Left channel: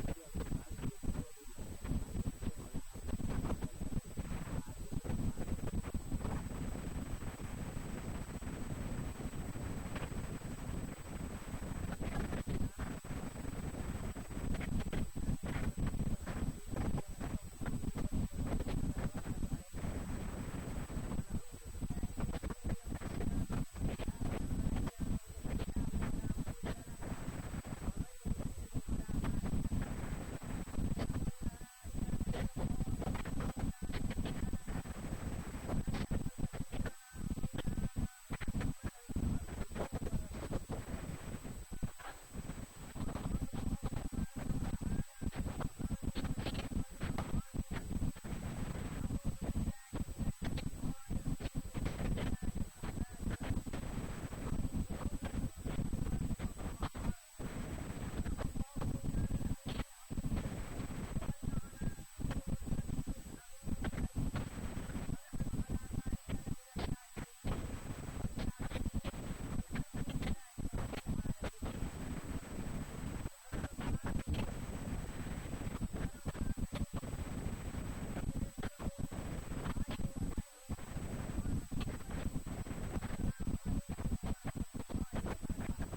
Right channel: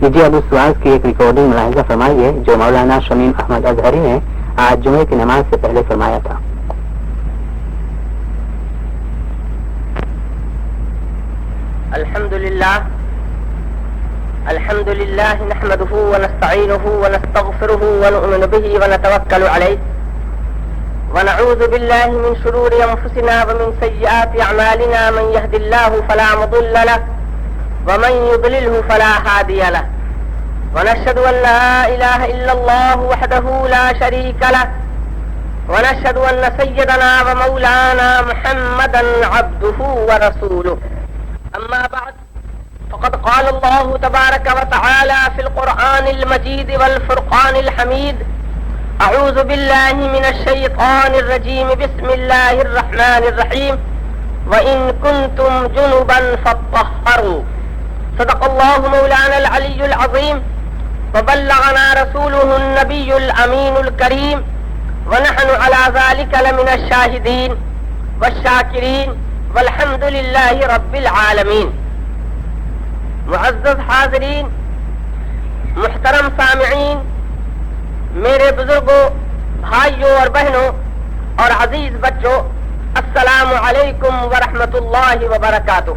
لیجیے اب اس واعظ کی ایک ریکارڈنگ ملاحظہ فرمائیے جو مولانا شمیم احمد اظہری نے آج جمعے کی نماز سے پہلے فرمایا تھا. الحمد لله نحمده ونستعينه ونستغفره ونؤمن به ونتوكل عليه ونعوذ بالله من شرور أنفسنا ومن سيئات أعمالنا من يهد الله فلا مضل له ومن يضلله فلا هادي له ونشهد أن لا إله إلا الله وحده لا شريك له ونشهد أن سيدنا ومولانا محمدا عبده ورسوله. أما بعد فقد قال الله تبارك وتعالى في القرآن المجيد والفرقان الحميد: أعوذ بالله من الشيطان الرجيم بسم الله الرحمن الرحيم وإن كنتم جنبا فاطهروا. صدق الله مولانا العلي العظيم وبلغنا رسوله النبي الأمين الكريم ونحن على ذلك لمن الشاهدين والشاكرين والحمد لله رب العالمین. معزز حاضرین، محترم سامعین، میرے بزرگوں، بھائیوں اور بہنوں اور عزیز بچوں، السلام علیکم ورحمۃ اللہ وبرکاتہ.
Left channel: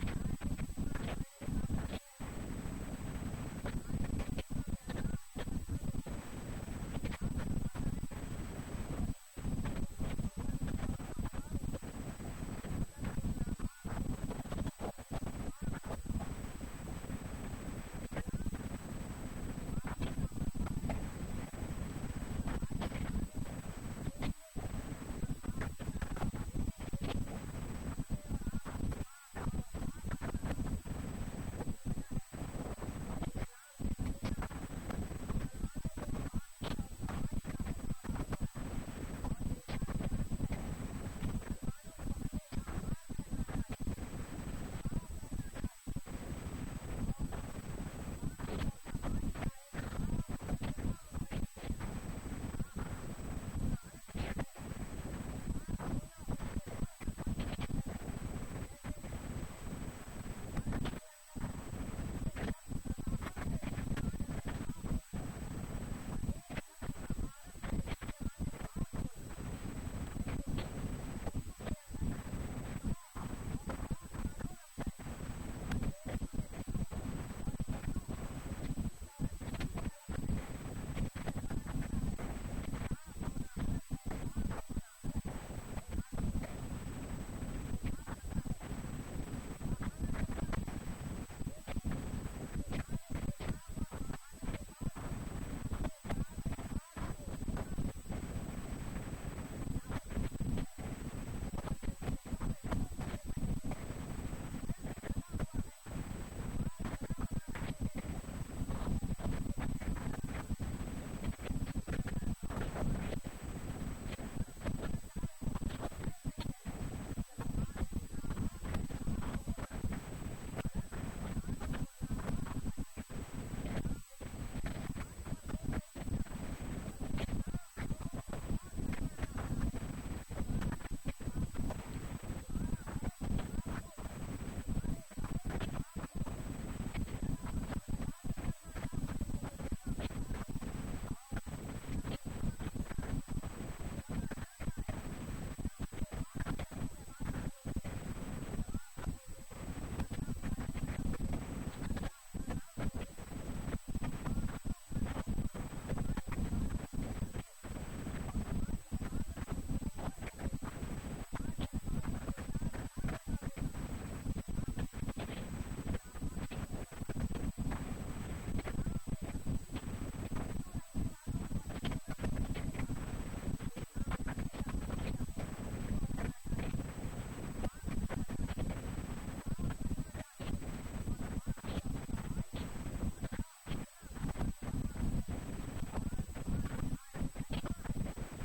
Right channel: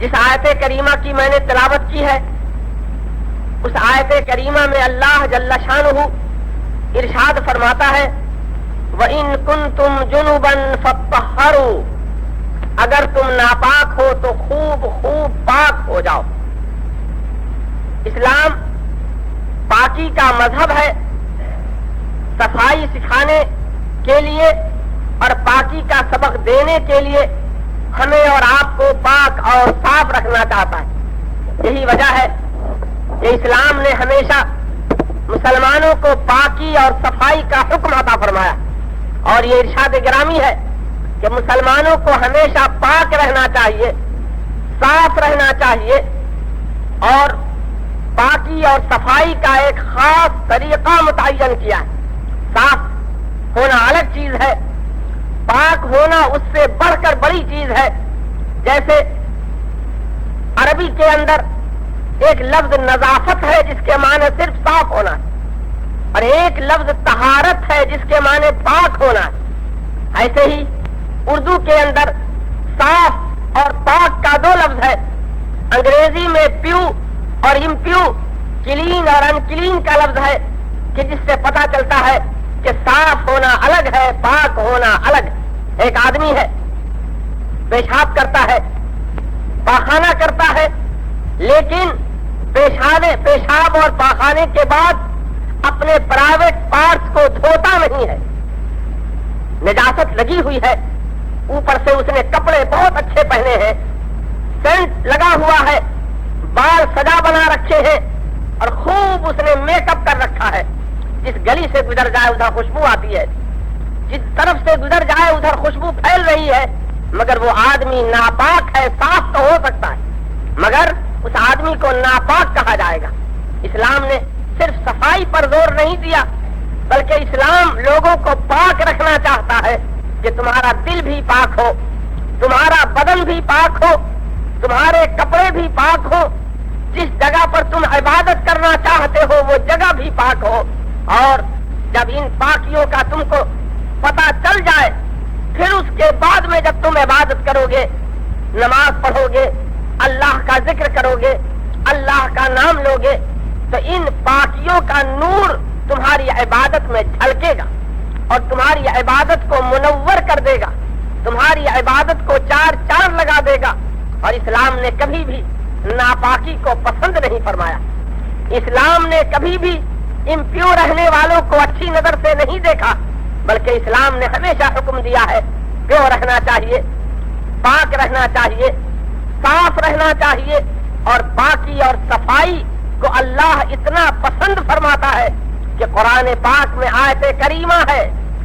جس آیت کریمہ کی میں نے تلاوت کی ہے اس آیت کریمہ میں اللہ جل شانہ ارشاد فرماتا ہے: وَإِن كُنتُمْ جُنُبًا فَاطَّهَّرُوا. اگر تم ناپاک ہو تو خوب پاک ہو جاؤ. اسلام پاکی کا مذہب ہے. صفائی سکھانے کے لیے اور پاکی کا سبق دینے کے لیے ہمیں اور آپ کو پاک اور صاف رکھنا چاہتا ہے. یہی وجہ ہے کہ اسلام نے ہمیشہ مسلمانوں کو پاکی اور صفائی کا حکم عطا فرمایا. اور یہ ارشاد گرامی ہے کہ مسلمانوں کو ہمیشہ پاک رہنا چاہیے، صاف رہنا چاہیے، اور پاکی اور صفائی کا ایک خاص طریقہ متعین کیا ہے. صاف ہونا الگ چیز ہے، پاک ہونا اس سے بڑھ کر بڑی چیز ہے. جیسے عربی کے اندر ایک لفظ نظافت ہے جس کے معنی صرف صاف ہونا ہے، اور ایک لفظ طہارت ہے جس کے معنی پاک ہونا ہے. ایسے ہی اردو کے اندر صاف اور پاک کا دو لفظ ہے. انگریزی میں پیو اور امپیو، کلین اور انکلین کا لفظ ہے، کہ جس سے پتہ چلتا ہے کہ صاف ہونا الگ ہے، پاک ہونا الگ ہے. ایک آدمی ہے، پیشاب کرتا ہے، پاخانہ کرتا ہے، لیکن پیشاب اور پاخانے کے بعد اپنے پرائیویٹ پارٹس کو دھوتا نہیں ہے. نجاست لگی ہوئی ہے، اوپر سے اس نے کپڑے بہت اچھے پہنے ہیں، سینٹ لگا ہوا ہے، بال سجا بنا رکھے ہیں، اور خوب اس نے میک اپ کر رکھا ہے. جس گلی سے گزر جائے ادھر خوشبو آتی ہے، جس طرف سے گزر جائے ادھر خوشبو پھیل رہی ہے. مگر وہ آدمی ناپاک ہے. صاف تو ہو سکتا ہے مگر اس آدمی کو ناپاک کہا جائے گا. اسلام نے صرف صفائی پر زور نہیں دیا، بلکہ اسلام لوگوں کو پاک رکھنا چاہتا ہے کہ تمہارا دل بھی پاک ہو، تمہارا بدن بھی پاک ہو، تمہارے کپڑے بھی پاک ہو، جس جگہ پر تم عبادت کرنا چاہتے ہو وہ جگہ بھی پاک ہو. اور جب ان پاکیوں کا تم کو پتہ چل جائے، پھر اس کے بعد میں جب تم عبادت کرو گے، نماز پڑھو گے، اللہ کا ذکر کرو گے، اللہ کا نام لو گے، تو ان پاکیوں کا نور تمہاری عبادت میں جھلکے گا اور تمہاری عبادت کو منور کر دے گا، تمہاری عبادت کو چار چاند لگا دے گا. اور اسلام نے کبھی بھی ناپاکی کو پسند نہیں فرمایا. اسلام نے کبھی بھی امپیور رہنے والوں کو اچھی نظر سے نہیں دیکھا، بلکہ اسلام نے ہمیشہ حکم دیا ہے پیور رہنا چاہیے، پاک رہنا چاہیے، صاف رہنا چاہیے. اور پاکی اور صفائی کو اللہ اتنا پسند فرماتا ہے کہ قرآن پاک میں آیت کریمہ ہے:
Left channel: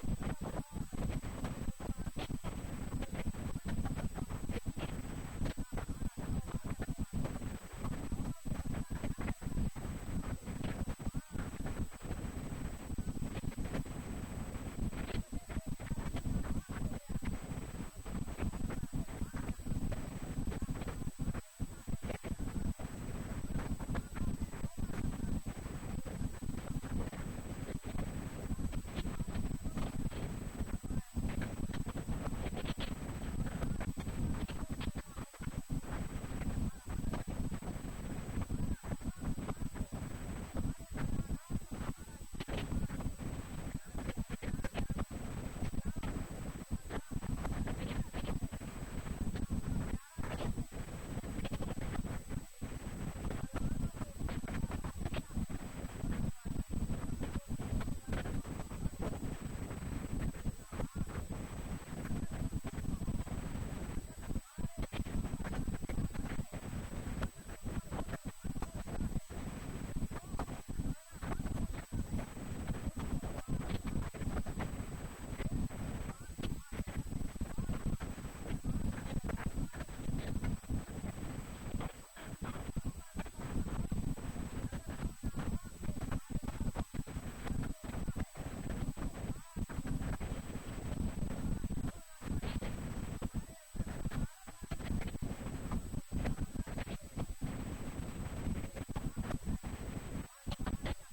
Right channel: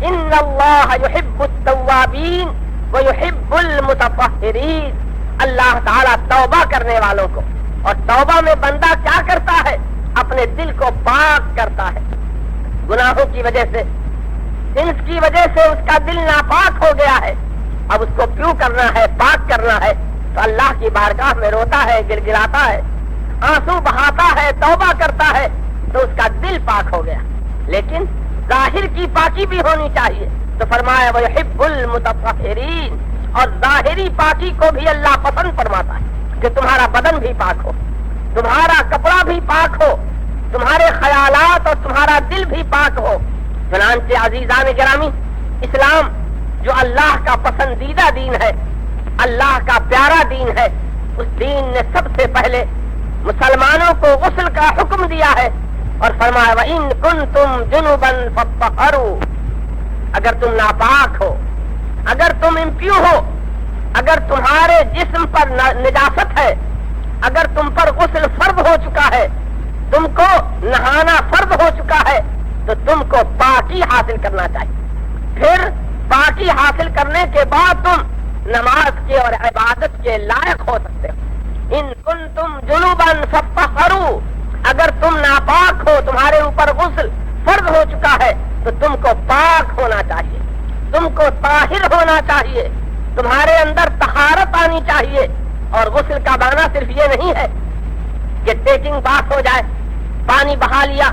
ان اللہ یحب التوابین ویحب المتطہرین. اللہ تعالیٰ توبہ کرنے والوں کو، اور توبہ میں بندہ کیا کرتا ہے؟ اپنے دل کو پاک کرتا ہے. گناہوں کی وجہ سے، سنس کی وجہ سے اس کا دل ناپاک ہو گیا ہے. اب اس کو پیو کرنا ہے، پاک کرنا ہے. تو اللہ کی بارگاہ میں روتا ہے، گڑگڑاتا ہے، آنسو بہاتا ہے، توبہ کرتا ہے، تو اس کا دل پاک ہو گیا۔ لیکن ظاہر کی پاکی بھی ہونی چاہیے، تو فرمایا وَيُحِبُّ الْمُتَطَّهِرِينَ، اور ظاہری پاکی کو بھی اللہ پسند فرماتا ہے کہ تمہارا بدن بھی پاک ہو، تمہارا کپڑا بھی پاک ہو، تمہارے خیالات اور تمہارا دل بھی پاک ہو۔ چنانچہ عزیزان گرامی، اسلام جو اللہ کا پسندیدہ دین ہے، اللہ کا پیارا دین ہے، اس دین نے سب سے پہلے مسلمانوں کو غسل کا حکم دیا ہے اور فرمایا وَإِن كُنتُمْ جُنُبًا فَاطَّهَّرُوا، اگر تم ناپاک ہو، اگر تم امپیو ہو، اگر تمہارے جسم پر نجاست ہے، اگر تم پر غسل فرض ہو چکا ہے، تم کو نہانا فرض ہو چکا ہے، تو تم کو پاکی حاصل کرنا چاہیے۔ پھر پاکی حاصل کرنے کے بعد تم نماز کے اور عبادت کے لائق ہو سکتے ہو۔ ان کنتم جنوبا فطہروا، اگر تم ناپاک ہو، تمہارے اوپر غسل فرض ہو چکا ہے، تو تم کو پاک ہونا چاہیے، تم کو طاہر ہونا چاہیے، تمہارے اندر طہارت آنی چاہیے۔ اور غسل کا معنی صرف یہ نہیں ہے کہ ٹیکنگ بات ہو جائے، پانی بہا لیا،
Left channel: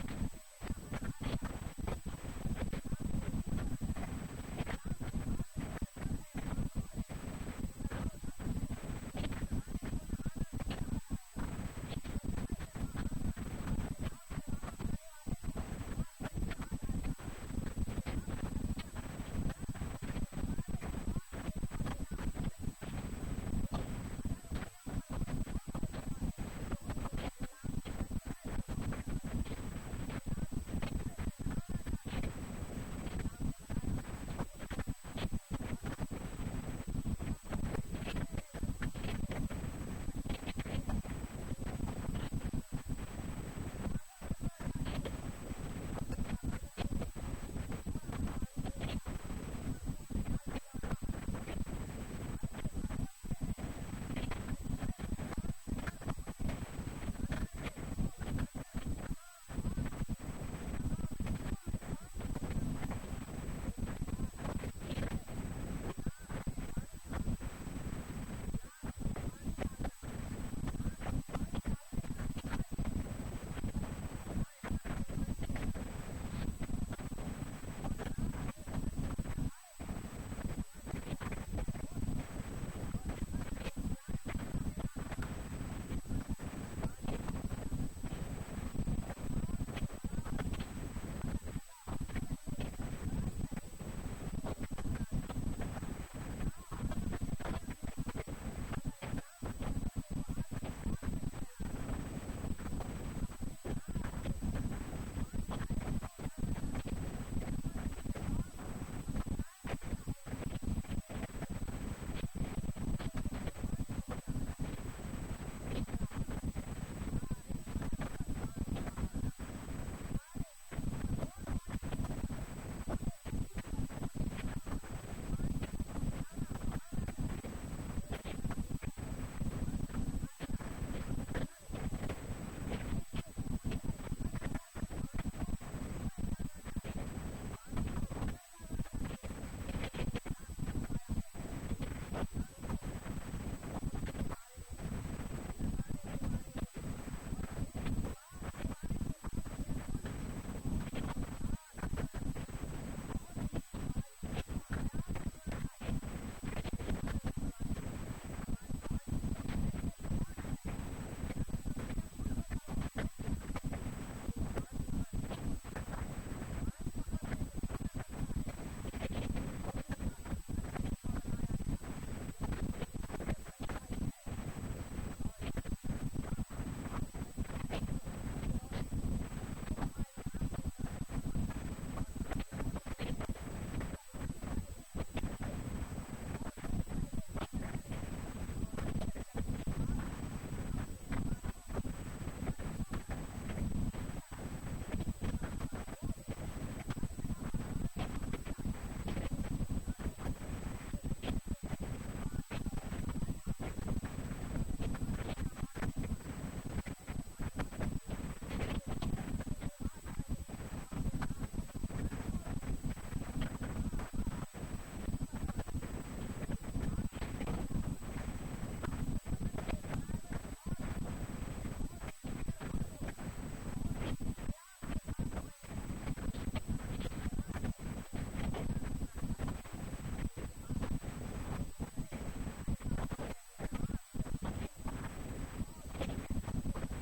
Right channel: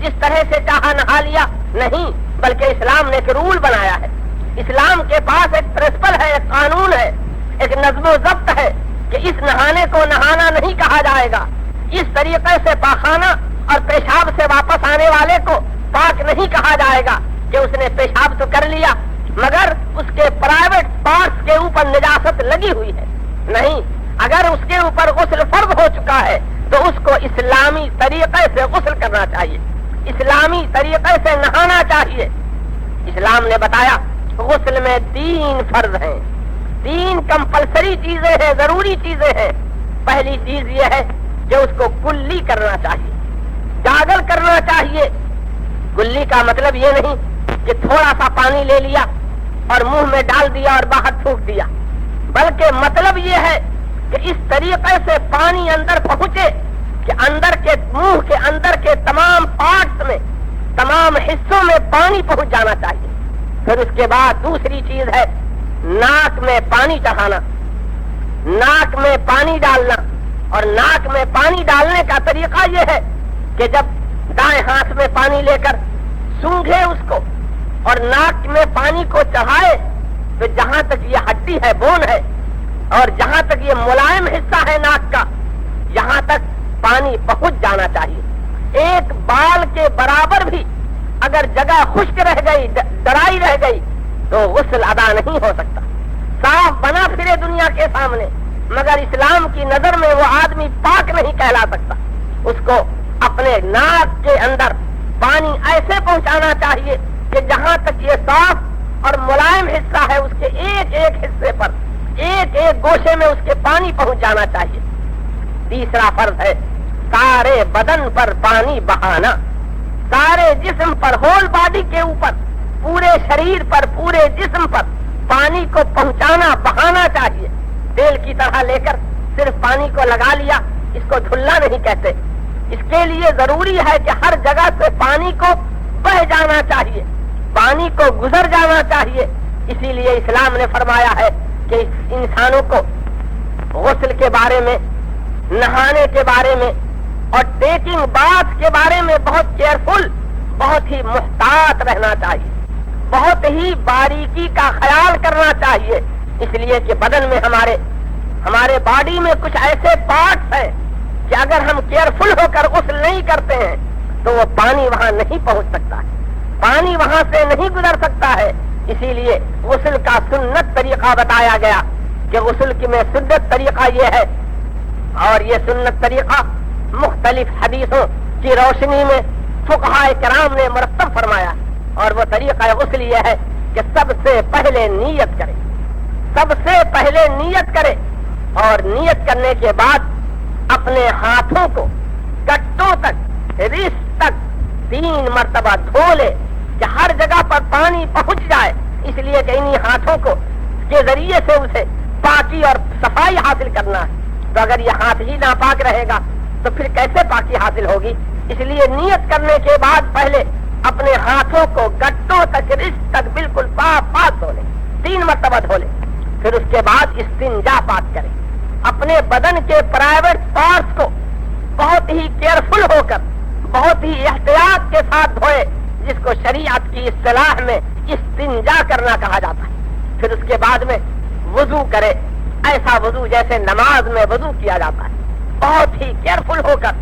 جس طرح سے چاہا نہا لیا، نہیں، بلکہ اسلام نے ایک رول بنایا ہے۔ اسلام کے پاس ایک پرنسپل ہے، ایک قانون ہے، ایک نظم و ضبط ہے کہ اس نہانے کو نہانا نہیں کہا جائے گا، اس طریقے سے پاخانہ اور پیشاب سے واپس آنے والے کو پاک نہیں کہا جائے گا کہ اس نے پیشاب تو کر لیا مگر اس کے پرائیویٹ پارٹس کے اوپر نجاست لگی ہوئی ہے، نہیں، اگر اس کے اوپر غسل فرض ہو چکا ہے تو اس کو اسلامی طریقے سے غسل کرنا چاہیے، اسلامی طریقے سے نہانا چاہیے۔ اسلام نے بتایا غسل میں 3 فرض ہیں، 3 کمپلسری چیزیں ہیں، ضروری چیزیں ہیں۔ پہلی چیز یہ ہے کہ اس کو کلی کرنا چاہیے، گاگل کرنا چاہیے۔ کلی کا مطلب یہ نہیں کہ تھوڑا سا پانی لے لیا اور منہ میں ڈال دیا اور باہر تھوک دیا، بلکہ مطلب یہ ہے کہ اس طریقے سے پانی اندر پہنچے کہ اندر کے منہ کے اندر کے تمام پارٹس میں، تمام حصوں میں پانی پہنچ جانا چاہیے۔ پھر اس کے بعد دوسری چیز ہے ناک میں پانی چڑھانا، ناک میں پانی ڈالنا، اور ناک میں پانی ڈالنے کا طریقہ یہ ہے کہ جب دائیں ہاتھ میں پانی لے کر سونگھے اس کو اور ناک میں پانی کو چڑھائے تو جہاں تک یہ ہڈی ہے، بون ہے، اور جہاں تک یہ ملائم حصہ ہے ناک کا، یہاں تک پانی پہنچ جانا چاہیے۔ ایک بال کے برابر بھی اگر جگہ خشک رہ گئی، ڈرائی رہ گئی، تو غسل ادا نہیں ہو سکتا۔ صاف بنا پھرے دنیا کے سامنے مگر اسلام کی نظر میں وہ آدمی پاک نہیں کہلا سکتا۔ اس کو اپنے ناک کے اندر پانی ایسے پہنچانا چاہیے کہ جہاں تک یہ صاف اور ملائم حصہ ہے اس کے ایک ایک حصے پر، ایک ایک گوشے میں اس کے پانی پہنچ جانا چاہیے۔ تیسرا فرض ہے سارے بدن پر پانی بہانا، سارے جسم پر، ہول باڈی کے اوپر، پورے شریر پر، پورے جسم پر پانی کو پہنچانا، بہانا چاہیے۔ تیل کی طرح لے کر صرف پانی کو لگا لیا، اس کو دھلنا نہیں کہتے۔ اس کے لیے ضروری ہے کہ ہر جگہ سے پانی کو بہ جانا چاہیے، پانی کو گزر جانا چاہیے۔ اسی لیے اسلام نے فرمایا ہے کہ انسانوں کو غسل کے بارے میں، نہانے کے بارے میں اور ٹیکنگ باتھ کے بارے میں بہت کیئرفل، بہت ہی محتاط رہنا چاہیے، بہت ہی باریکی کا خیال کرنا چاہیے۔ اس لیے کہ بدن میں ہمارے باڈی میں کچھ ایسے پارٹس ہیں کہ اگر ہم کیئرفل ہو کر غسل نہیں کرتے ہیں تو وہ پانی وہاں نہیں پہنچ سکتا ہے، پانی وہاں سے نہیں گزر سکتا ہے۔ اسی لیے غسل کا سنت طریقہ بتایا گیا کہ غسل کی میں سنت طریقہ یہ ہے، اور یہ سنت طریقہ مختلف حدیثوں کی روشنی میں فقہاء کرام نے مرتب فرمایا، اور وہ طریقہ غسل یہ ہے کہ سب سے پہلے نیت کرے، سب سے پہلے نیت کرے، اور نیت کرنے کے بعد اپنے ہاتھوں کو گٹوں تک، رسٹ تک 3 مرتبہ دھو لے کہ ہر جگہ پر پانی پہنچ جائے۔ اس لیے کہ انہی ہاتھوں کو کے ذریعے سے اسے پاکی اور صفائی حاصل کرنا ہے۔ تو اگر یہ ہاتھ ہی ناپاک رہے گا تو پھر کیسے پاکی حاصل ہوگی؟ اس لیے نیت کرنے کے بعد پہلے اپنے ہاتھوں کو گٹوں تک، رسٹ تک بالکل پاک دھو لے، 3 مرتبہ دھو لے۔ پھر اس کے بعد استنجا پاک کرے، اپنے بدن کے پرائیویٹ پارٹس کو بہت ہی کیئرفل ہو کر بہت ہی احتیاط کے ساتھ دھوئے، جس کو شریعت کی اصطلاح میں استنجا کرنا کہا جاتا ہے۔ پھر اس کے بعد میں وضو کرے، ایسا وضو جیسے نماز میں وضو کیا جاتا ہے، بہت ہی کیئرفل ہو کر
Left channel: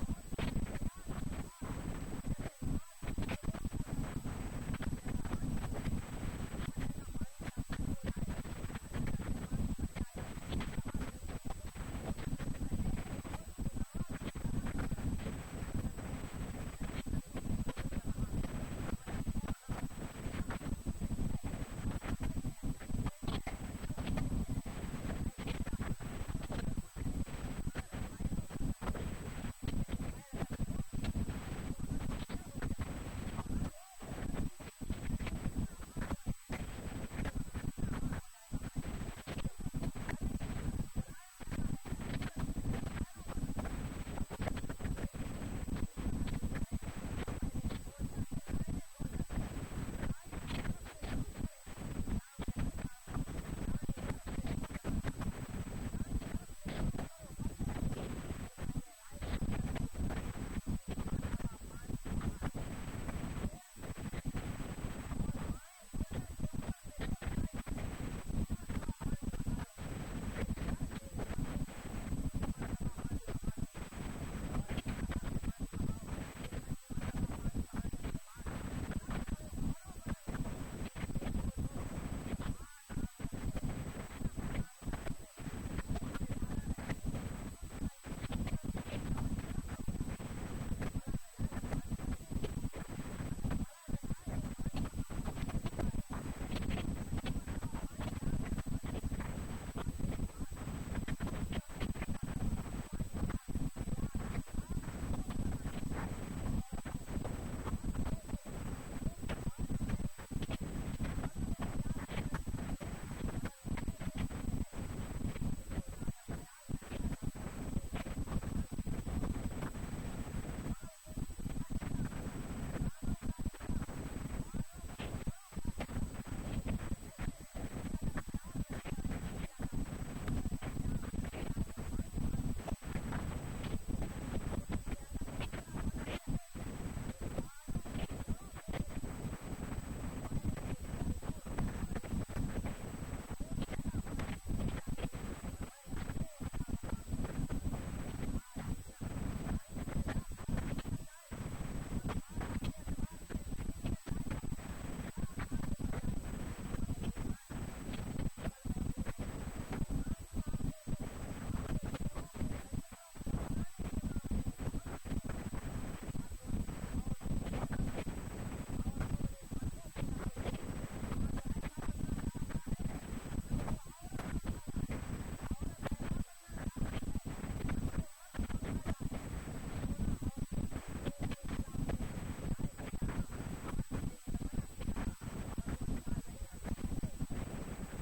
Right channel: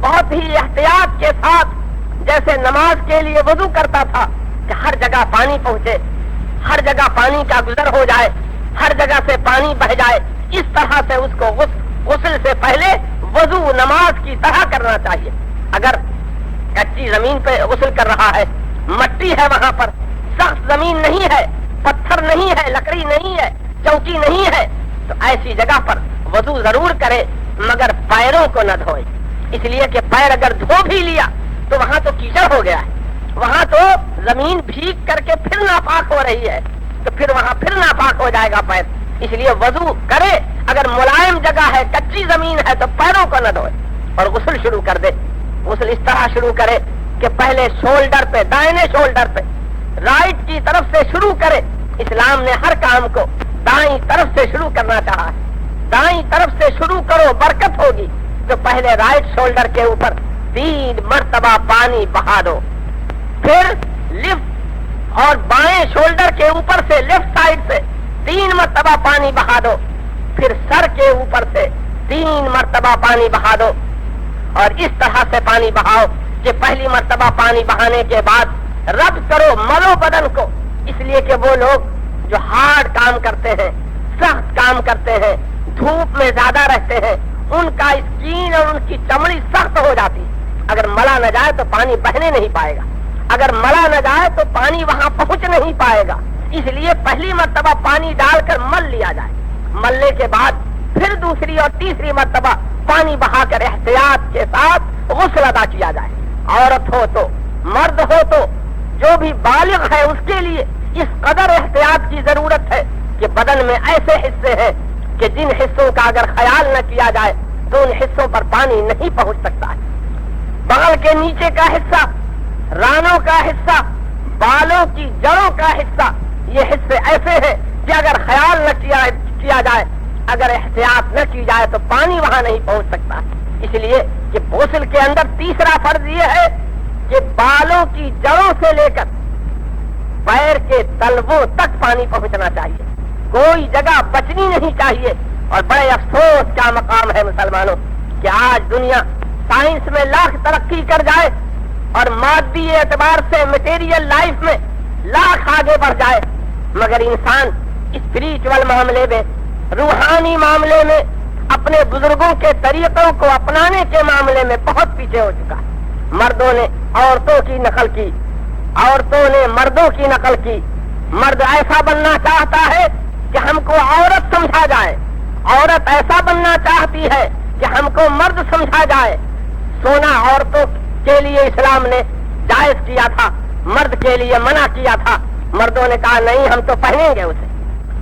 بہت ہی احتیاط کے ساتھ، جیسے نماز کے لیے وضو کرتا تھا کہ ہر جگہ پانی پہنچے، ہر جگہ پانی کا گزر ہو جائے، ہر جگہ سے پانی بہ جائے، اس طرح سے اس کو غسل سے پہلے وضو نماز کی طرح کرنا چاہیے۔ اگر کچی زمین پہ غسل کر رہا ہے، مٹی ہے وہاں پر، سخت زمین نہیں ہے، پتھر نہیں ہے، لکڑی نہیں ہے، چوکی نہیں ہے، تو ایسی جگہ پر وضو ضرور کرے، مگر پیروں کو نہ دھوئے، اس لیے کہ پیر اگر دھو بھی لیا تو وہاں تو کیچڑ ہو گیا ہے، وہاں تو زمین بھیگ کر کے پھر ناپاک ہو رہی ہے، تو پھر وہاں پھر ناپاک ہو جائے گا پیر، اس لیے وضو کرے، اگر ملائم جگہ ہے، کچی زمین ہے تو پیروں کو نہ دھوئے اور غسل شروع کر دے۔ غسل اس طرح شروع کرے کہ پہلے شولڈر پہ، دائیں شولڈر پہ رائٹ کی طرف سے شروع کرے۔ اسلام نے ہر کام کو دائیں طرف سے شروع کرنا چاہا ہے، دائیں طرف سے شروع کرو برکت ہوگی، تو پہلے رائٹ شولڈر کے اوپر 3 مرتبہ پانی بہا دو، پھر لیفٹ اور بائیں شولڈر کے اوپر سے لیفٹ سائڈ سے 3 مرتبہ پانی بہا دو، پھر سر کے اوپر سے 3 مرتبہ پانی بہا دو، اور اس طرح سے پانی بہاؤ کہ پہلی مرتبہ پانی بہانے کے بعد رب کرو، ملو بدن کو، اس لیے کہ وہ لوگ جو ہارڈ کام کرتے ہیں، سخت کام کرتے ہیں، دھوپ میں زیادہ رہتے ہیں، ان کا اسکین اور ان کی چمڑی سخت ہو جاتی، اگر ملا نہ جائے تو پانی بہنے نہیں پائے گا، اگر ملا نہ جائے تو پانی وہاں پہنچ نہیں پائے گا، اس لیے پہلی مرتبہ پانی ڈال کر مل لیا جائے، ملنے کے بعد پھر دوسری اور تیسری مرتبہ پانی بہا کر احتیاط کے ساتھ غسل ادا کیا جائے۔ عورت ہو تو مرد ہو تو جو بھی بالغ ہے اس کے لیے اس قدر احتیاط کی ضرورت ہے کہ بدن میں ایسے حصے ہیں کہ جن حصوں کا اگر خیال نہ کیا جائے تو ان حصوں پر پانی نہیں پہنچ سکتا ہے۔ بغل کے نیچے کا حصہ، رانوں کا حصہ، بالوں کی جڑوں کا حصہ، یہ حصے ایسے ہیں کہ اگر خیال نہ کیا جائے، اگر احتیاط نہ کی جائے تو پانی وہاں نہیں پہنچ سکتا، اس لیے کہ غسل کے اندر تیسرا فرض یہ ہے کہ بالوں کی جڑوں سے لے کر پیر کے تلووں تک پانی پہنچنا چاہیے، کوئی جگہ بچنی نہیں چاہیے۔ اور بڑے افسوس کا مقام ہے مسلمانوں کہ آج دنیا سائنس میں لاکھ ترقی کر جائے اور مادی اعتبار سے میٹیریل لائف میں لاکھ آگے بڑھ جائے، مگر انسان اسپریچول معاملے میں، روحانی معاملے میں، اپنے بزرگوں کے طریقوں کو اپنانے کے معاملے میں بہت پیچھے ہو چکا ہے۔ مردوں نے عورتوں کی نقل کی، عورتوں نے مردوں کی نقل کی، مرد ایسا بننا چاہتا ہے کہ ہم کو عورت سمجھا جائے، عورت ایسا بننا چاہتی ہے کہ ہم کو مرد سمجھا جائے۔ سونا عورتوں کے لیے اسلام نے جائز کیا تھا، مرد کے لیے منع کیا تھا، مردوں نے کہا نہیں ہم تو پہنیں گے اسے۔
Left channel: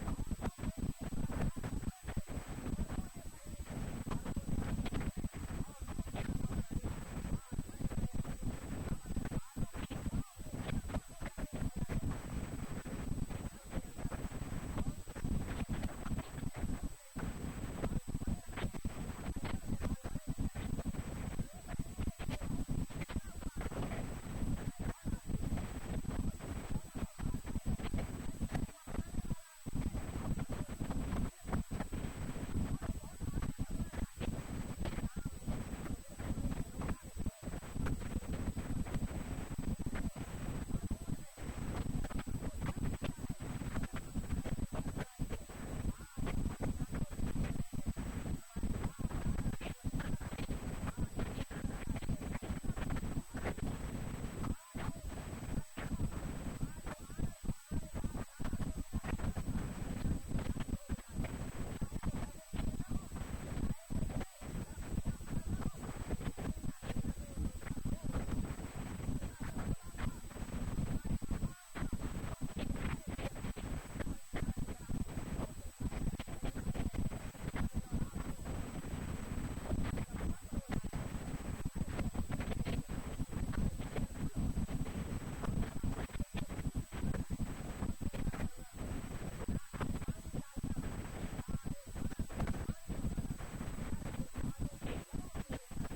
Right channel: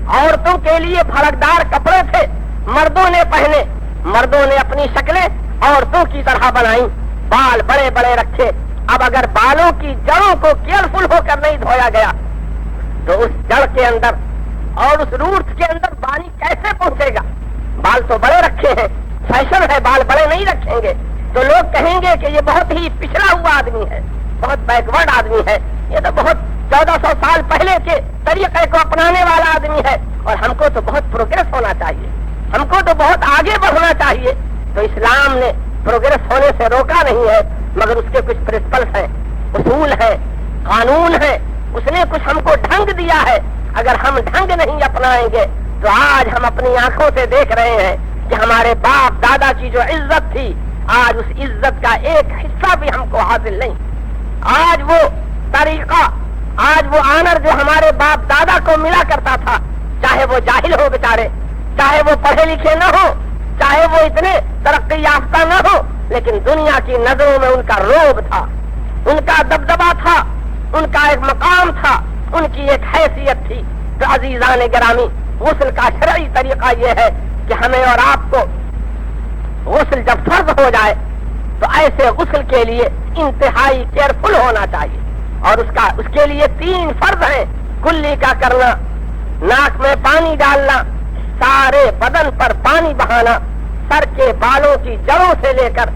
عورتوں کے لیے بھڑکدار کپڑے تھے، مردوں نے پہنے، مردوں نے اپنی شکلیں عورتوں کی طرح بنائی، بال بڑے بڑے رکھے۔ اب اگر بالوں کی جڑوں کو کیئرفل ہو کر نہیں دھویا گیا تو اس جڑ کے اندر اور اس روٹ کے اندر پانی کیسے پہنچے گا؟ بال تو بڑے رکھے ہیں، فیشن ہے، بال بڑے نہیں رکھیں گے تو لوگ کہیں گے کہ یہ بہت ہی پچھڑا ہوا آدمی ہے، بہت بیکورڈ آدمی ہے، یہ تو بہت 1400 سال پہلے کے طریقے کو اپنانے والا آدمی ہے، اور ہم کو تو بہت پروگریس ہونا چاہیے، ہم کو تو بہت آگے بڑھنا چاہیے۔ تو اسلام نے پروگریس ہونے سے روکا نہیں ہے، مگر اس کے کچھ پرنسپلس ہیں، اصول ہیں، قانون ہیں، اس نے کچھ ہم کو ڈھنگ دیا ہے۔ اگر ہم ڈھنگ نہیں اپنائیں گے تو آج ہم اپنی آنکھوں سے دیکھ رہے ہیں کہ ہمارے باپ دادا کی جو عزت تھی، آج اس عزت کا ایک حصہ بھی ہم کو حاصل نہیں۔ آج وہ طریقہ، آج وہ آنر جو ہمارے باپ دادا کو ملا کرتا تھا، چاہے وہ جاہل ہو بیچارے، چاہے وہ پڑھے لکھے نہ ہو، چاہے وہ اتنے ترقی یافتہ نہ ہو، لیکن دنیا کی نظروں میں ان کا روب تھا، ان کا دبدبا تھا، ان کا ایک مقام تھا، ان کی ایک حیثیت تھی۔ تو عزیزان گرامی، غسل کا شرعی طریقہ یہ ہے کہ ہمیں اور آپ کو غسل جب فرض ہو جائے تو ایسے غسل کے لیے انتہائی کیئرفل ہونا چاہیے، اور اس کے لیے 3 فرض ہیں: کلی کا کرنا، ناک میں پانی ڈالنا، سارے بدن پر پانی بہانا، سر کے بالوں کی جڑوں سے لے کر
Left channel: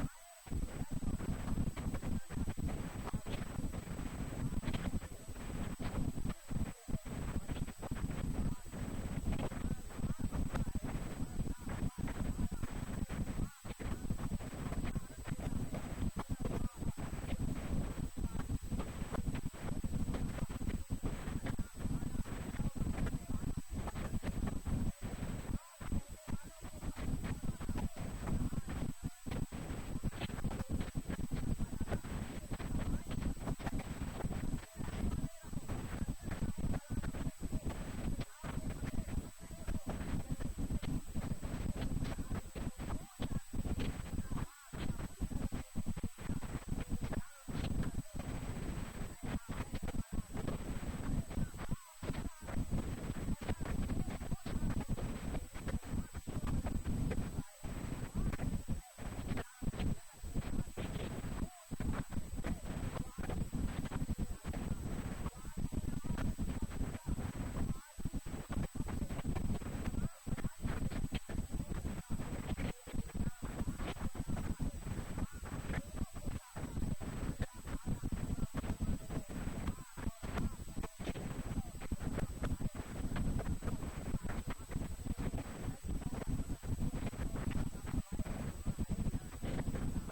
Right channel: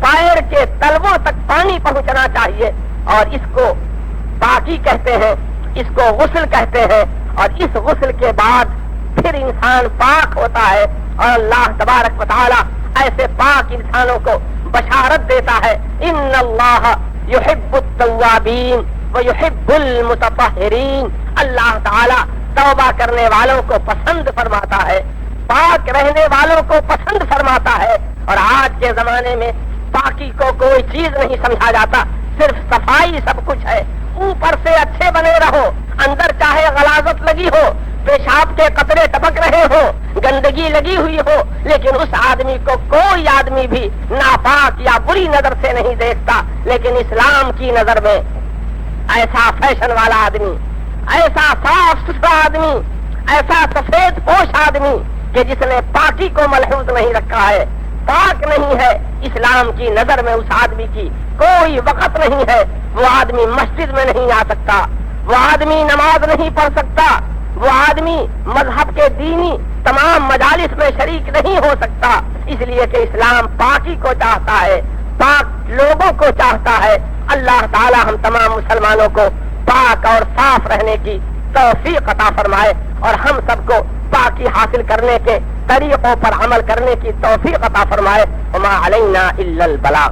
پیر کے تلووں تک پانی پہنچنا چاہیے، اور اس کو پاکی کہتے ہیں، اس کو غسل کہتے ہیں، اور اس غسل کے بعد پھر انسان پاک ہوتا ہے، اور اللہ تبارک و تعالی ایسے پاک انسانوں کو بشارت دیتا ہے، ان اللہ یحب التوابین ویحب المتطہرین، اللہ تعالی توبہ کرنے والوں کو پسند فرماتا ہے، پاک رہنے والوں کو پسند فرماتا ہے۔ اور آج کے زمانے میں پاکی کو کوئی چیز نہیں سمجھا جاتا، صرف صفائی سب کچھ ہے، اوپر سے اچھے بنے رہو، اندر چاہے غلاظت لگی ہو، پیشاب کے قطرے ٹپک رہے ہو، گندگی لگی ہوئی ہو، لیکن اس آدمی کو کوئی آدمی بھی ناپاک یا بری نظر سے نہیں دیکھتا۔ لیکن اسلام کی نظر میں ایسا فیشن والا آدمی، ایسا صاف ستھرا آدمی، ایسا سفید پوش آدمی کہ جس نے پاکی کو ملحوظ نہیں رکھا ہے، پاک نہیں ہے، اسلام کی نظر میں اس آدمی کی کوئی وقت نہیں ہے، وہ آدمی مسجد میں نہیں آ سکتا، وہ آدمی نماز نہیں پڑھ سکتا، وہ آدمی مذہب کے دینی تمام مجالس میں شریک نہیں ہو سکتا، اس لیے کہ اسلام پاکی کو چاہتا ہے، پاک لوگوں کو چاہتا ہے۔ اللہ تعالی ہم تمام مسلمانوں کو پاک اور صاف رہنے کی توفیق عطا فرمائے، اور ہم سب کو پاکی حاصل کرنے کے طریقوں پر عمل کرنے کی توفیق عطا فرمائے۔ وما علینا الا البلاغ۔